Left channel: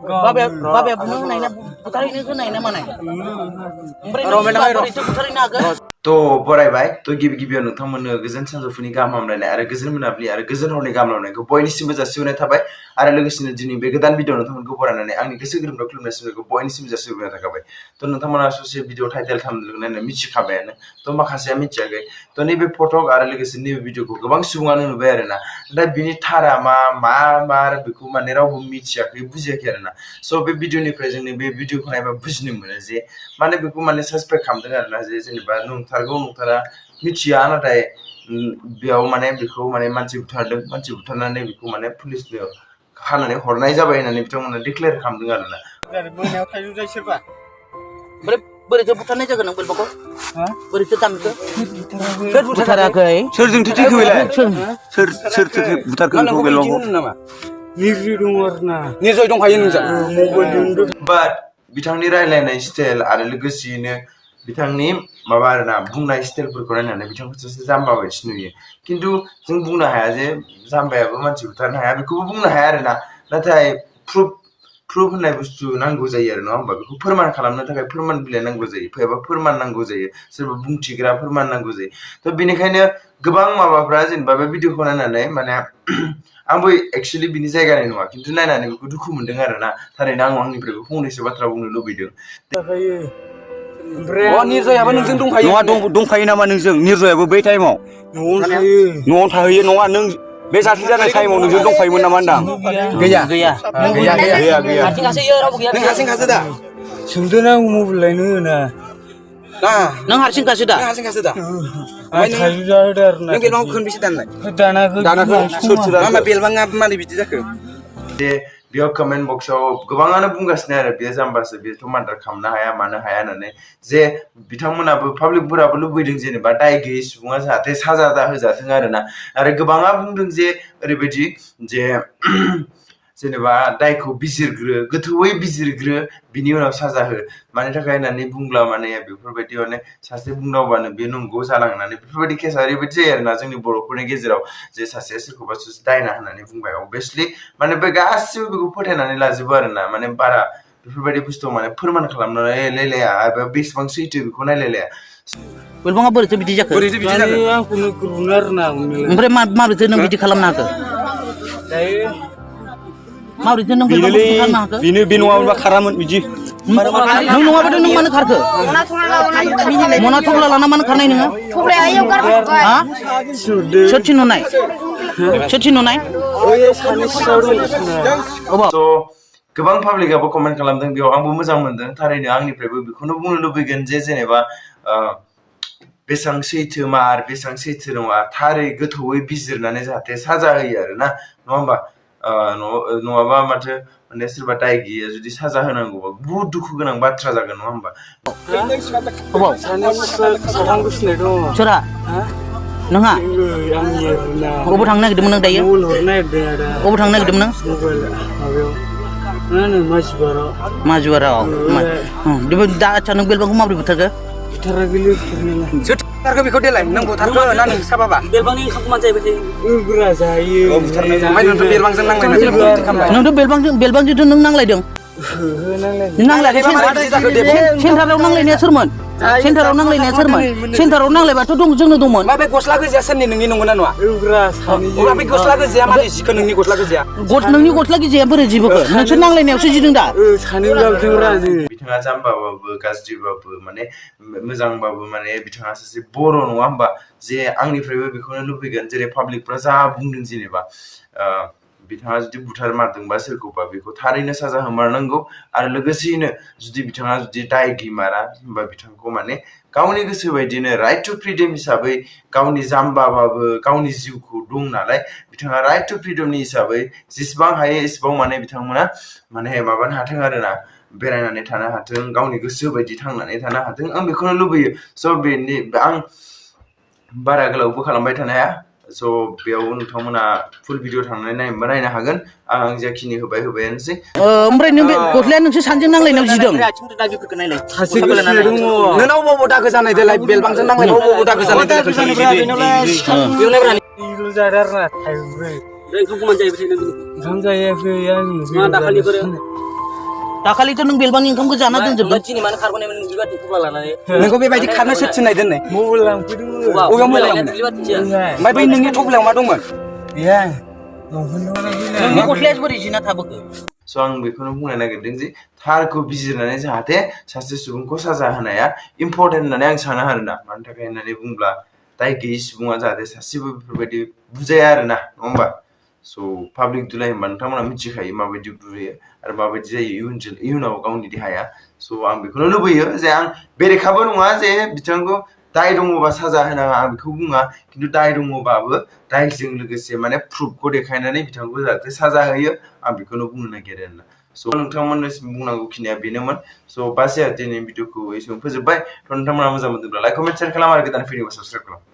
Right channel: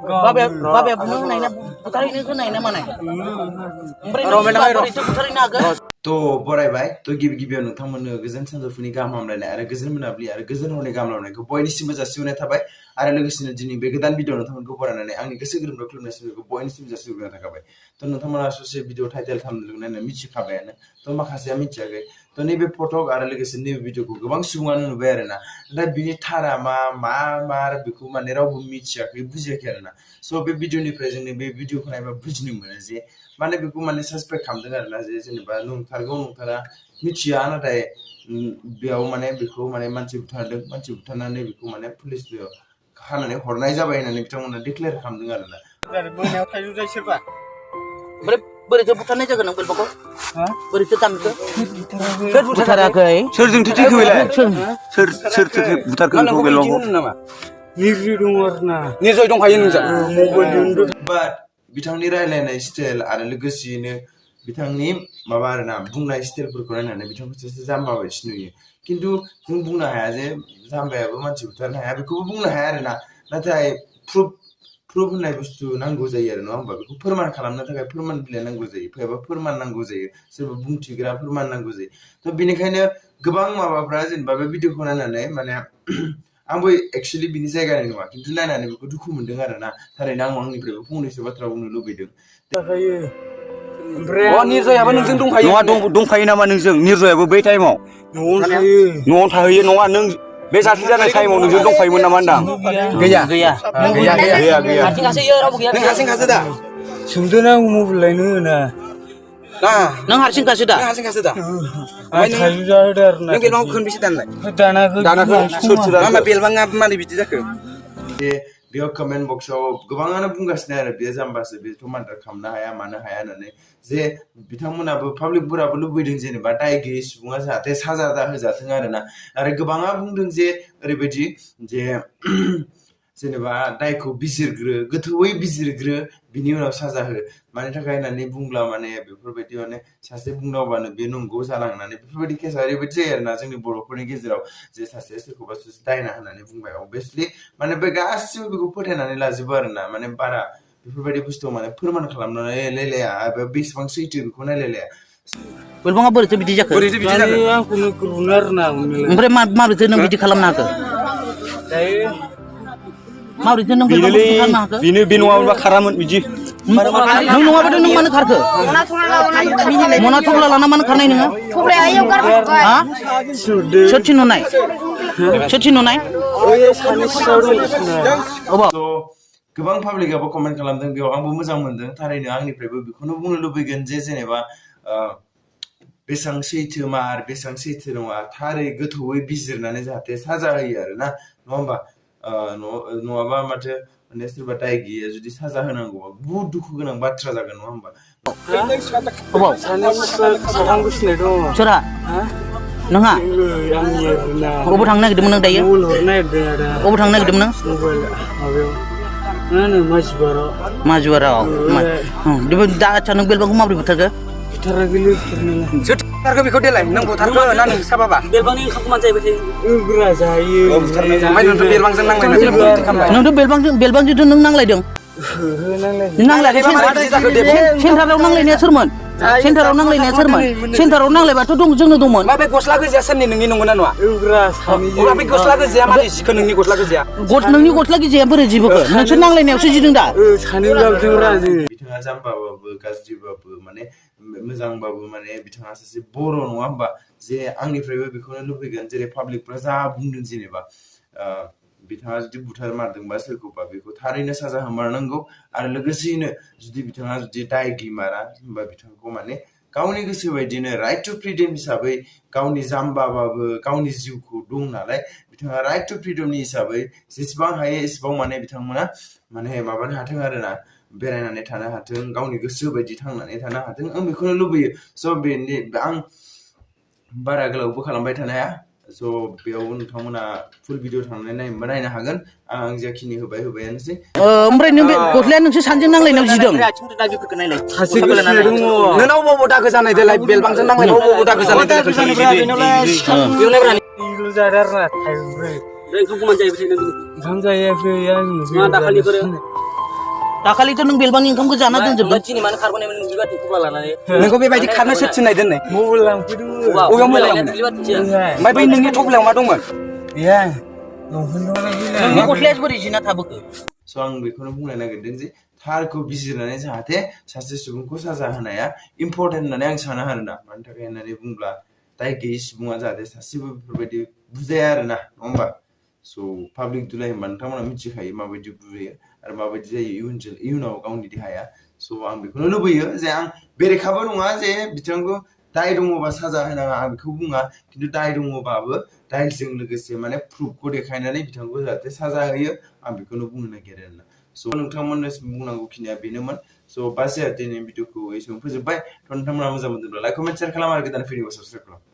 Babe bunuh naina butarin itu naina mana? Itu butarin agak. To बरायबाय तो गिबियाव नोंथांमोननो गोजोन सानजौफुनि गाहाम हामलायनाय आरो गोजोन मोनाबिलि आरो गोजोन हरनि गाहाम हामलायनायखौ बयनिसिमबो जासिहरनाय थाबाय आरो लोगोसेनो दिनै बे गोदान भिडिअ नोंथांमोनखौ बरायनानै आंनि गोसो गोरबोनिफ्राय खुलुमनाय सिबिनायखौ बयनिसिम जासिहरनाय थाबाय तो नोंथांमोना ससे भिडिअ टाइटेल थाम्बनेल मिथिखाबायानो तो माखासेया मिथियाखै तो नैबे फटक आरो लोगोसे नैबे भिडिअखौ गोबां सुबुङानो नुबाय आरोना दा बिनि थारा मा बेखौ माने रावबो मिथियाखै बुजियाखै आरोना सो बे भिडिअनिफ्राय जोंनि बे भिडिअखौ नायबा बुजिनो मोनो जे माने बेखौ माने सासपेक्ट खालामदों आरोना जे जेनेबा नंथारगौ नंथारा मिथिया नाथाय बेयाव माने बेखौ माने मानसि बुथारनानै बेखौ माने पुलिसनो खानानै हरनाय जाबाय होननानै बिथांमोना डिक्लेयार खालामदों आरोना मोनायाव थाइजौ जाय सोरबा बोरैथो बुथारनाय जागोन नों बेलबाखौ बोरैथो दामखो सोर बुथाराखै सोरजोंथो थैखो बेलाय सोर बुथारखो बेलबाखौ नामा निर्जय दङ आरोना निर्जय दंखायो नोंजों मबाइलजों बाट बिथांनि रायलायनाय स्टाइल आरो लोगोसेयैनो बिथांनि माबा आरोना बुंनाय स्टाइलफोरखौ नायनानै बिथांखौ सासे जाम्बा बायदि नुयो खिन्थु जों बुंनो हाया जे जाम्बायाबो मानसि बुथारनो हाया बेखौबो बुंनो हाया आरोना नाथाय प्रुफ होननाय बुस्थु नांगौ जायो आरो नङा होमबा बेखौ फोरमान खालामनो थाखाय फोरमान बिलाइ नांगौ जायो एबा फोरमान नांगौ जायो सोरबा बुंथिग्रा फोरमान नांगौ जायो तो बेनिखायनो गोबां माबाफ्रा जेनेबा बे भिडिअखौ नायनानै माने आंबो एक्चुअली बिनि जायगानि नङा खिन्थु नायनानै बेखौ दुखु मोनदों आरोना थारैनो आं आंनिफ्रायबो फंनैसो बाथ्रा बुंनो लुबैदों निर्जयाबो नोंजों दंखायो नङा दंखायो नामा नोंजों निर्जयाबो बै टाइमाव न'आव थाहैयो नङा नों बे जाथाय जानाय टाइमाव नोंजों दंफायोमोन नामा होनदां गैया हारसिंखासो रावबो गैया नों हारसिंखासो दा सोंदों आं मबाइल लायनो होना नों हारसिंखासो दा थाइजौ जाहोदो आरोना नों बेलबांखौ खनबेसे दाननाय दानाखै सोर बेलबाङा मारै बिदि जाखो जे बेयाव कमेन्ट बक्सआव गोबाङानो बुंगासिनो आरो बेयो जाम्बासो बेथ' मार्डार खालामनो हाया मानो हाया होननानै जे बिथांमोनाबो पाब्लिकफोराबो लुबैदों जेनेबा दाय गैयै सुबुङा जाहाथे साजा होजाथों आरोना आरो गोबाङा बुंदों जे ओरैबायदि जे जेनेबा दायखौ गोथौयै बिजिरग्रो बिनि उनाव साजा हो मानि थाखाय होननानै बुंब्ला माने बेफोरबायदि माने सासे बुंदावबानो बे नंगौ जालांनानै बेफोरबायदि केसा ओरैबायदि जायो आरोना जोंनि बर'फोरनि गेजेराव जे सासेया सोरखौबा दायना होननानै बुंबाय अभियासलि माने बे गासिबो बेखौ फोथायनानै लाजोबो आरोना माने बारा बेफोरबायदि बुस्थुआव माने फोरमान खालामनानै नायलाया एबा बेसेबां सैथो बेखौ नायलाया बेलबाङा बोरैथो बिदि जाखो आंखौनो गुरुनो आरोना ओमफ्राय माबोरैथो नों बिदि खालामनो हाखो माबोरैथो नों बेलबाखौ खालामनो हाखो बे नङाबा खारामोन बिदि नों नङाबाथ' नों मानो खारखो मना थफ्ला लाना मानो खारनाय नोङो सोर थिनहरनाय गोबां पाब्लिकआबो कमेन्ट खालामदों बेयाव आंबो मोजां मोनदों थारैनो आंनिफ्रायबो बेखौनो बुंनो लुबैगोन जे जेनेबा बेसेबां सैथो मार बेसेबां सैथो नङा थारै गोथौयै बिजिरनानै जाहाथे साजा होयो आरोना नङा होमबा नङाबा माथो माने सोरबा दाय गैया जुदि साजा होनांगौबा बुहुत दुखु गोनां बाथ्रा जागोन नङा होमबा सोरा नोंहा अबाव थांनो नागिरदोंमोन नों दायो अबाव थांनो नागिरदोंमोन नों माजुवाराव दा आच्छा नों बेलबांखौ माबोरै बुथारखो बुथारखो बेखौ देलाय नों बुथारखो ना नों साबाबा बेलबांनि ओंखामखौ मानो जायो नोंथ' बेलबांजों नांलायदों नोंथ' बेलबांजोंथ' नों नांलायदों नांलायाखै सेन्टाराव नांलायनाया सोरमोन सेन्टाराव नांलायबाथ' जोंनो दंमोन बे गस्ला गोजाया सोरनि नोंनि नंगौना नङा बे गस्ला गोजाया मारै जिखो नोंनि गस्ला गोजाया नोंनि गस्ला गोजाया बोरै जिबोखो नोंसोर नांलायनायावसो जिदों दा बिथाङा जाम्बाबाबो गाज्रिबाबो माने मोजांबाबो माने बिथाङा सासे बर' नङा होमबा जे आंनिफ्रायबो बेखौनो लुबैगोन जेरै पाब्लिकफ्रा जा बुंदों जेनेबा बिथाङा जुदि बुथार मारदोंबा सोरखौबा बेखौ थारैनो साजा होमारनांगौ आरो लोगोसेयैनो जुदि बिथाङा जुदि दाय गैमारा होमबा बिथांखौ माने गावनि गोसो बायदिनो राइट टु फ्रिडम हिसाबै गावनि जाम्बाबाबो गावनि जिउखौ दं नालाय बिथाङा राइट टु फ्रिडमनि हिसाबै जेसेबां हायो एसेबां माने बिथांमोना माने माबानो हाथों आरोना बेरायनानै थानो हाथों गावनि गोसो बायदि थांनानै थानो हाथों आं बेखौनो लुबैयो स' आं बारा गोलावबो खालामबाय थानो हाया स' बेयाव नोंथांमोना फुल भिडिअ थांनानै नायनो हागोन आं जाखिनि होबायानोसै ओमफ्राय नों बे गस्लाया नोंसोर सानैजों नांलायनायाव जिदों नोंनाव बबाव दागो जानाय देलाय बेलबांजों नांलायनायाव बबाव दागो जानाय ओंखाम जायाखै दाखालिथ' नों बेलबानि ओंखामखौ जाना दोनजोबदों दिनै मानो खारबोनाय नों बेबादि थफ्ला लानानै नोंखौ बेबायदि खारनो सोर थिननाय दोननाय मबाइल लांफैदों अबेयाव मबाइल ओमफ्राय बै नोंनि थफ्लायाव मा दंमोन नोंनि गस्लाया बोरै जिना थाबोखो स' आं बेखौनो बुंनो नागिरदों जे थारखौ बिजिरनानै जाहाथे सासे सुबुंखौ साजा होनाया इम्परटेन्ट होननानै आं साना आरोना मानि थाखाय होननानै बुंब्ला दाय गैयि सुबुङा जाहाथे सासेबो बेफोरबायदि बुजाया आरोना नङा होमबा स' पाब्लिक दुलाय होनबा नोंथांमोना मिथिखायो माबायदि बुयो आरो माबायदि जायो इयुनाव गावनि देहाया स' आं बेखौनो लुबैयो जे आं बेरेखाबो नङा जे बिथांखौ दाय दङबा साजा होनाङा आं बेखौ बुङा खिन्थु दाय दङबाबो दायजों लोगोसे माने प्रुफखौ देखायनानै बिथांखौ जाहाथे साजा होयो आं बेखौनो बुंनो नागिरो आरोना स' नोंथांमोननिसिम बुंनांगौ खिनिया बेनोमोन स' बास दिनैनि भिडिअखौ एसेबां फोजोबबाय थ' नोंथांमोना मोजां मोनदोंब्ला लाइक कमेन्ट शेयार खालाम आरो गोदान भिडिअखौ साबस्क्राइब खालाम